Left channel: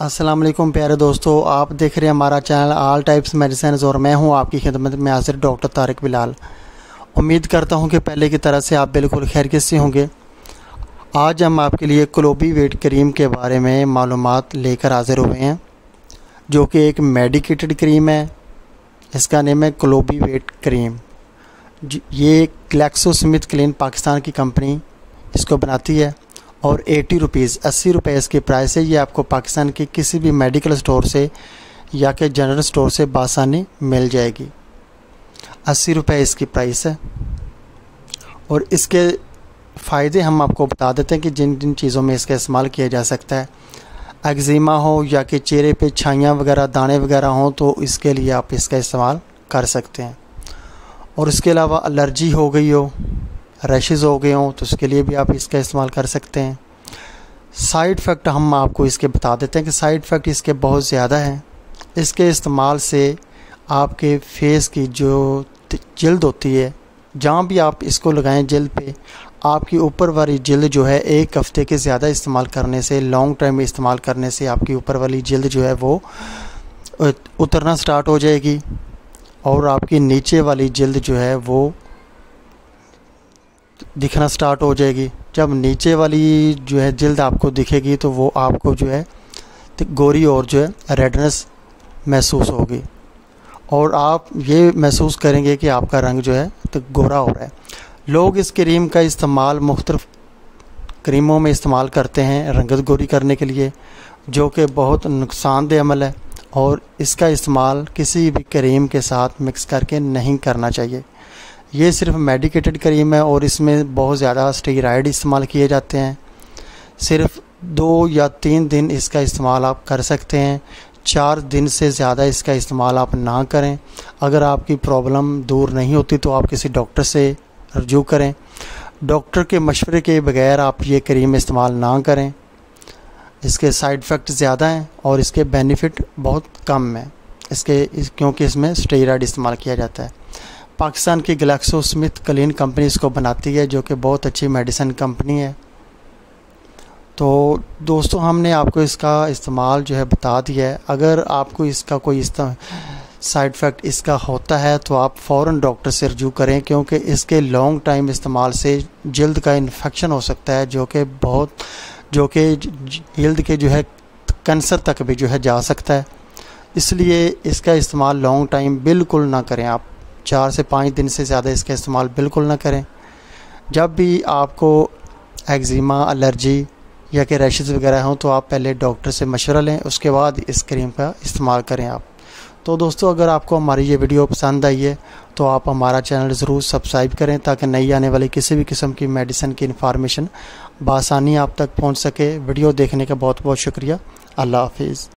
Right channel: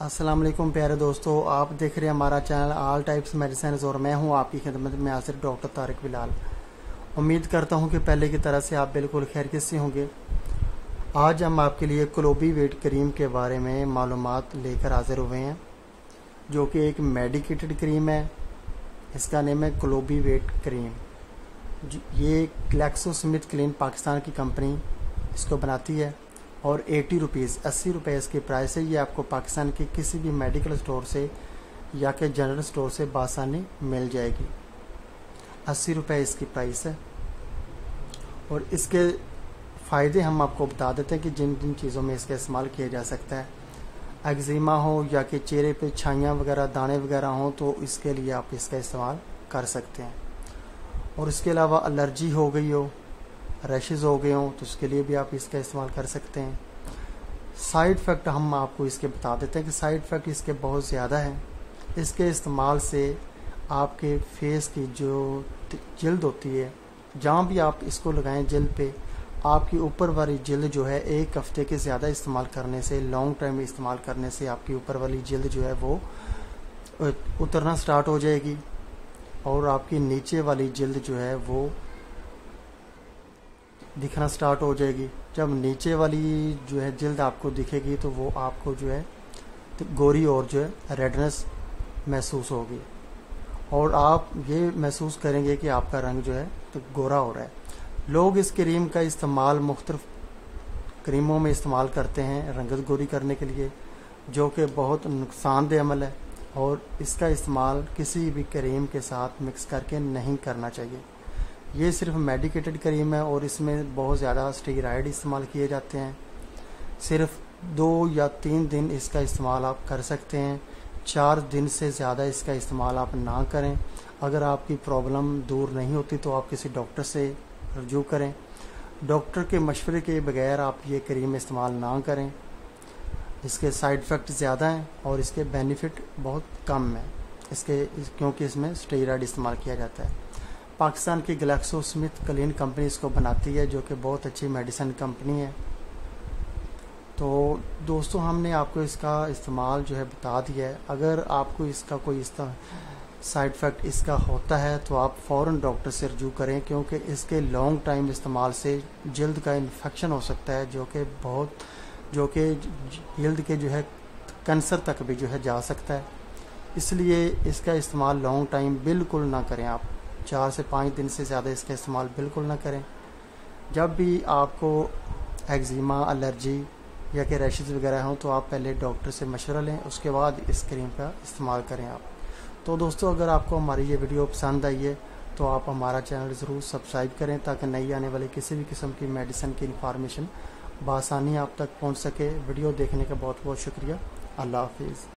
अस्सलाम वालेकुम प्यारे दोस्तों, आप देख रहे हैं हमारा चैनल ऑल टाइप्स मेडिसिन और मैं हूं आपकी खिदमत में हाजिर डॉक्टर तारिक बिलाल। उम्मीद करता हूं कि पहले की तरह से आप बिल्कुल खैरियत से होंगे। आज हम आपके लिए क्लोबी वेट क्रीम के बारे में मालूमात लेकर हाजिर हुए हैं, जो कि एक मेडिकेटेड क्रीम है। इसका नेम है क्लोबी वेट क्रीम। ये ग्लैक्सोस्मिथक्लाइन पाकिस्तान की कंपनी इसको बनाती है और 80 रुपये इसकी प्राइस है। ये आपको पाकिस्तान के किसी भी मेडिकल स्टोर से या के जनरल स्टोर से बासानी मिल जाएगी। 80 रुपये इसकी प्राइस है। और इसके फ़ायदे हम आपको बता देते हैं कि जिन जिन चीज़ों में इसका इस्तेमाल किया जा सकता है। एक्जिमा हो या कि चेहरे पे छाइयाँ वगैरह दाने वगैरह हों तो इसके लिए आप इसका इस्तेमाल कर सकते हैं। और इसके अलावा एलर्जी हो गई हो, रैशेज़ हो गए हों तो उसके लिए भी आप इसका इस्तेमाल कर सकते हैं। साइड इफ़ेक्ट हम आपको इसके बता देते हैं कि साइड इफ़ेक्ट इसके बहुत ज़्यादा हैं। इसके इस्तेमाल से आपके फेस की जो जल्द होती है, जहाँ भी आप इसको लगाएं जल्द पे, आपकी ऊपर वाली जल्द जो है 1 हफ़्ते के ज़्यादा इस्तेमाल करने से, लॉन्ग टाइम इस्तेमाल करने से आपकी ऊपर वाली जल्द जो है वो उतरना स्टार्ट हो जाएगी और आपकी नीचे वाली जल्द जो है वो दिखना स्टार्ट हो जाएगी। जब नीचे वाली जो है जल्द आपको दिखेगी तो वो आपको जो है गोरी और जो है रेडनेस महसूस होगी और आप ये महसूस करेंगे कि आपका रंग जो है तो गोरा हो रहा है। लोग इस क्रीम का इस्तेमाल मुख्तलिफ क्रीमों में इस्तेमाल करते हैं रंगत गोरी करने के लिए, जो कि बहुत नुकसानदेह अमल है और इसका इस्तेमाल किसी भी क्रीम के साथ मिक्स करके नहीं करना चाहिए। ये सिर्फ मेडिकेटेड क्रीम है और इसमें बहुत ज़्यादा स्टेरॉइड इस्तेमाल किए जाते हैं। सिर्फ 2 या 3 दिन इसका इस्तेमाल आप कर सकते हैं। 4 दिन से ज़्यादा इसका इस्तेमाल आप ना करें। अगर आपकी प्रॉब्लम दूर नहीं होती तो आप किसी डॉक्टर से रजू करें। डॉक्टर के मशवरे के बगैर आप ये क्रीम इस्तेमाल ना करें। इसके साइड इफ़ेक्ट ज़्यादा हैं और इसके बेनिफिट बहुत कम हैं क्योंकि इसमें स्टेरॉइड इस्तेमाल किया जाता है। पाकिस्तान की ग्लैक्सोस्मिथक्लाइन कंपनी इसको बनाती है, जो कि बहुत अच्छी मेडिसिन कंपनी है। तो दोस्तों, हमने आपको इसका इस्तेमाल जो है बता दिया है। अगर आपको इसका कोई साइड इफ़ेक्ट इसका होता है तो आप फ़ौरन डॉक्टर से रजू करें, क्योंकि इसके लॉन्ग टाइम इस्तेमाल से जल्द का इन्फेक्शन हो सकता है, जो कि जल्द के जो है कैंसर तक भी जो है जा सकता है। इसलिए इसका इस्तेमाल लॉन्ग टाइम बिल्कुल ना करें। आप 4 से 5 दिन से ज़्यादा इसका इस्तेमाल बिल्कुल ना करें। जब भी आपको एक्जिमा, एलर्जी या कि रैशेज़ वगैरह हों तो आप पहले डॉक्टर से मशवरा लें, उसके बाद इस क्रीम का इस्तेमाल करें आप। तो दोस्तों, अगर आपको हमारी ये वीडियो पसंद आई है तो आप हमारा चैनल ज़रूर सब्सक्राइब करें, ताकि नई आने वाली किसी भी किस्म की मेडिसिन की इन्फॉर्मेशन बआसानी आप तक पहुँच सके। वीडियो देखने का बहुत बहुत शुक्रिया। अल्लाह हाफिज़।